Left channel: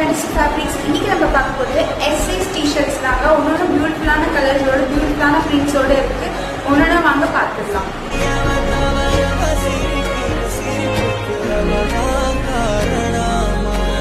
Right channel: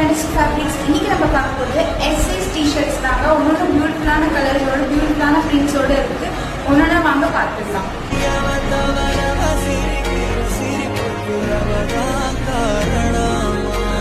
Friends fabrics இன்னைக்கு நம்ம பார்க்கக்கூடிய எஸ்எஸ் டிஷர்ட்ஸ் தாங்க. ஒன்னோட பியூட்டிஃபுல்லான கலர்ஸோட பியூட்டிஃபுல்லான பிரிண்ட்ஸோட இருக்கு. ஒன்னோட வாங்க பார்த்துக்கலாம். காரணமா